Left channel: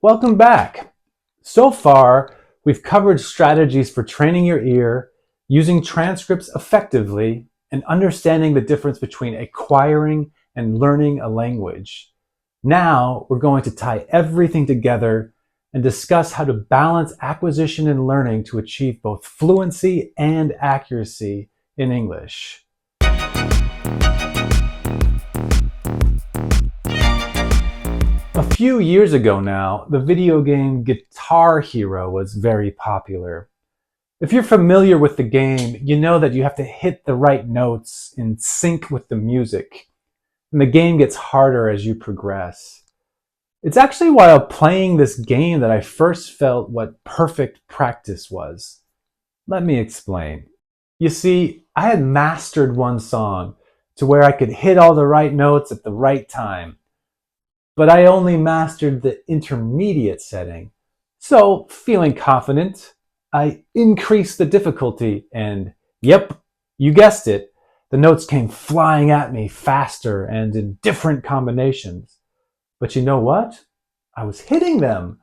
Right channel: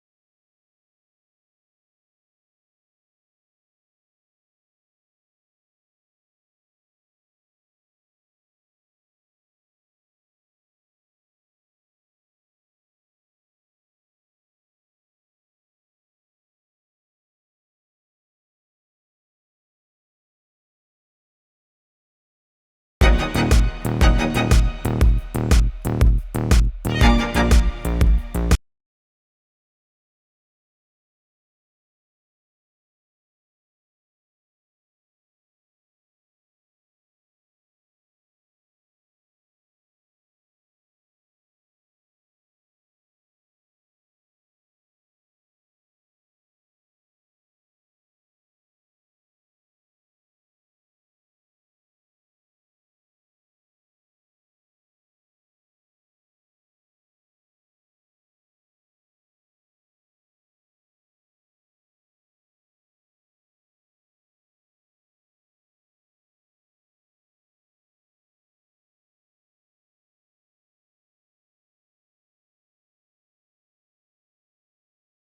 Welcome back. So far, we've covered strategies for training your ear, using transcripts effectively, and understanding the difference between acquiring and learning a language. Now, we're going to tie everything together and discuss how to balance acquisition and learning to achieve both fluency and accuracy in English. A few years ago now, the video game Guitar Hero was very popular. If you're familiar with the game, you know that you have to hit the right notes in sync with the music, and the game gets harder as you progress. It's actually while playing this game that I first felt what perfect practice was. Let me explain. You see, I had mastered one song to where I could hit all the right notes at the right time, but I only mastered the intermediate setting. So, feeling confident, I increased the difficulty, and yep, you guessed it, the notes came flying at me faster and in different combinations. But you know what? I was hitting them.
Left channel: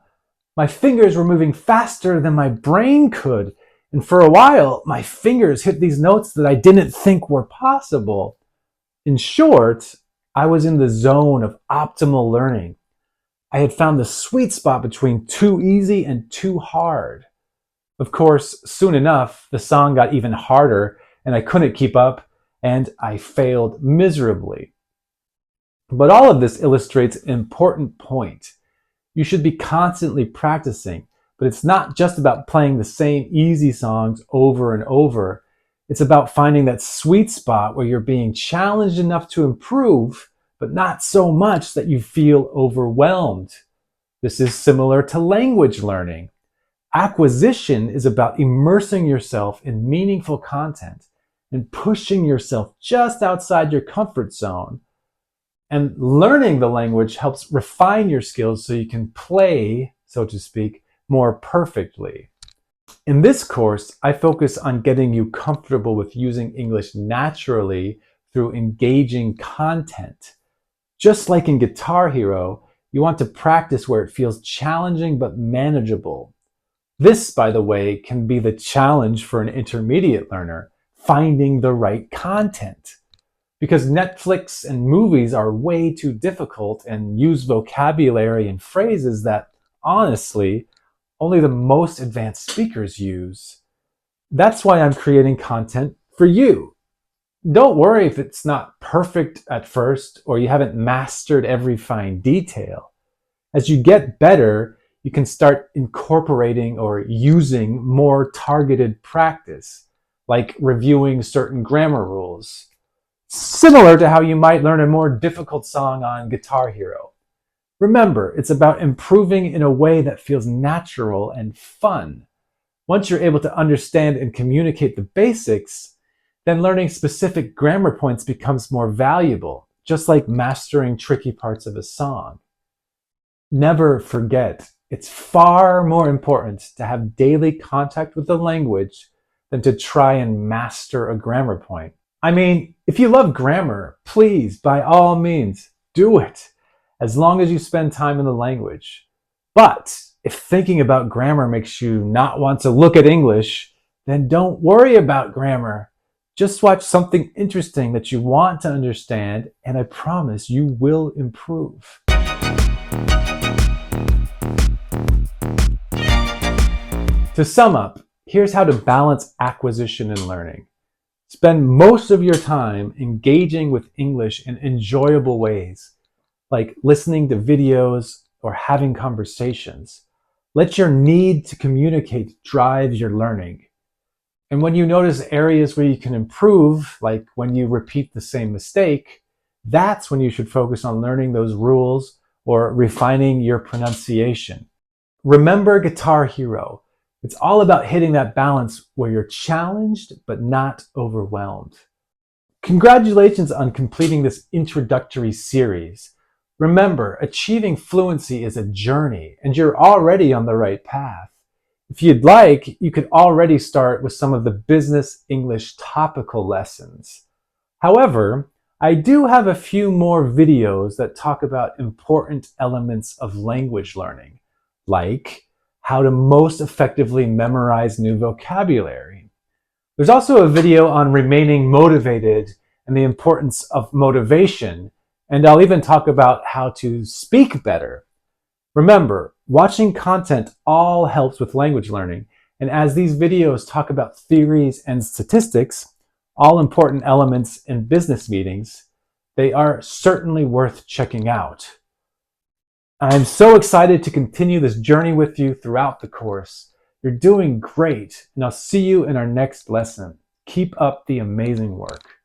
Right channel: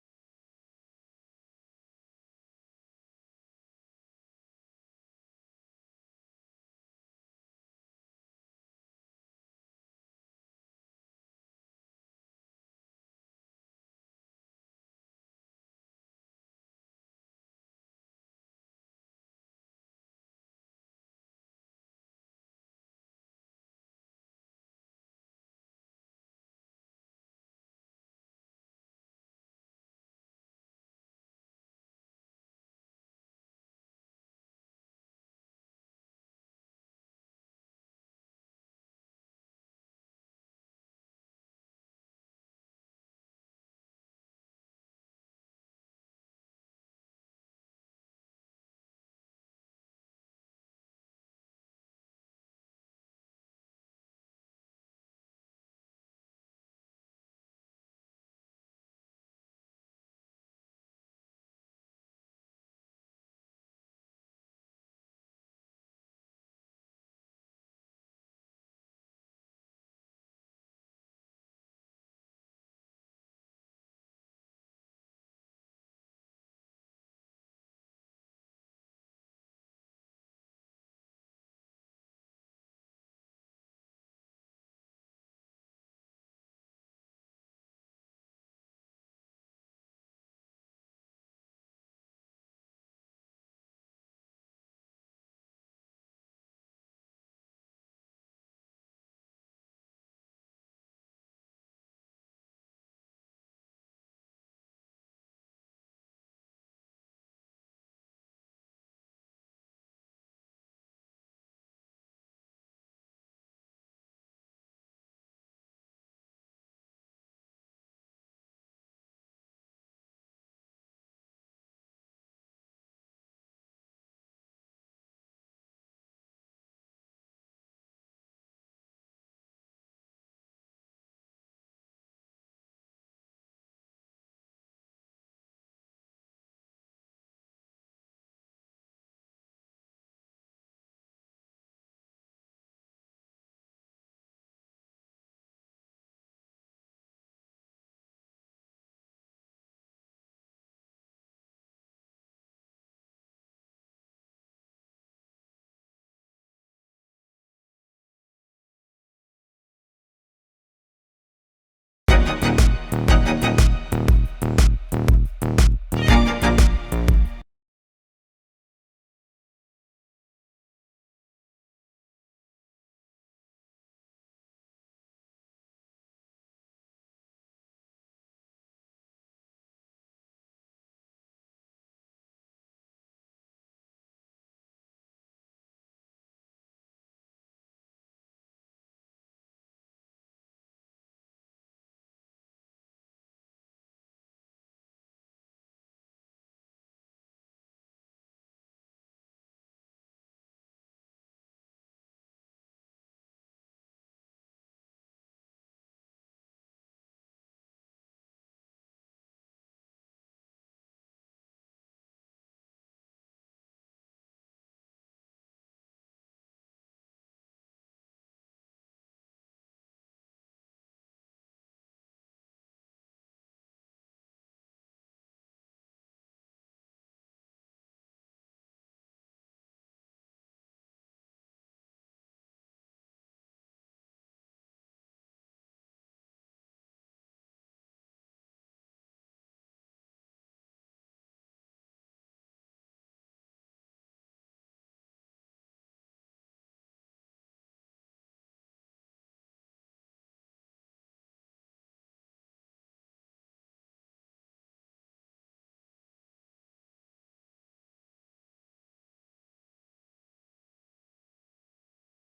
My fingers were moving faster than my brain could, and for a while, my fingers hit these notes that I didn't think were possible. In short, I was in the zone of optimal learning. I had found the sweet spot between too easy and too hard. Of course, soon enough, the song got even harder and I couldn't keep up and I failed miserably. But all of this illustrates an important point. You should be constantly practicing, but it's not just about playing the same easy songs over and over. It's about finding that sweet spot where you're being challenged enough to improve, but not so much that you feel overwhelmed. This is similar to language learning. Acquisition is about immersing yourself in meaningful content and pushing yourself just outside your comfort zone. And learning the language helps refine your skills so you can play, so to speak, more perfectly. In this course, I focus on getting you comfortable with using English naturally through engaging content. Just like in Guitar Hero, you want to practice where it feels challenging but manageable. This, by the way, can be the challenge for an intermediate learner, finding the right content. Because Netflix and movies are way too difficult and use vocabulary and phrases that, honestly, only the most advanced speakers use. That's why I'm creating content for you. Don't worry if it's not perfect at first or you haven't mastered every fine detail. As you get better, you can start incorporating or using more targeted practice, like reviewing certain grammar rules, similar to how you might learn a more difficult song on Guitar Hero. Remember, it's about improving in a way that feels natural and fun. Once you're able to understand and communicate the basics, then learning specific grammar points becomes more valuable, just like mastering tricky parts of a song. Never forget, it's far more important to have daily contact with the language than to try and master a grammar point. I mean, if you love grammar, please, by all means, do it, as long as you spend time in the language. But if thinking about grammar makes you not want to look at English, then don't worry about grammar. Just watch something interesting that you want to understand, and I promise you will improve. To sum up, here's how to balance acquisition and learning. Spend most of your time engaging with English in enjoyable ways, like listening to videos or having conversations. Let your need to communicate drive your learning. And when you notice areas where you can improve, like when you repeat the same mistake, that's when you should focus on learning those rules or refining your pronunciation. Remember Guitar Hero. It's all about hitting that balance where you're challenged but not overwhelmed. Congratulations on completing this introductory series. Remember, achieving fluency is a journey, and you're already on the right path. If you'd like, you could already start with some of the business English topical lessons. However, I do have a few more videos that talk about important elements of language learning, like how to most effectively memorize new vocabulary. There's also a video on remaining motivated and the importance of motivation, and I'll even talk about how to speak better. Remember, watching content all helps with language learning, and as these videos talk about theories and statistics, all important elements in business meetings, they are certainly worth checking out. I'm so excited to continue this journey with you throughout the course. You're doing great, and I'll see you in our next lesson. Keep up the amazing work.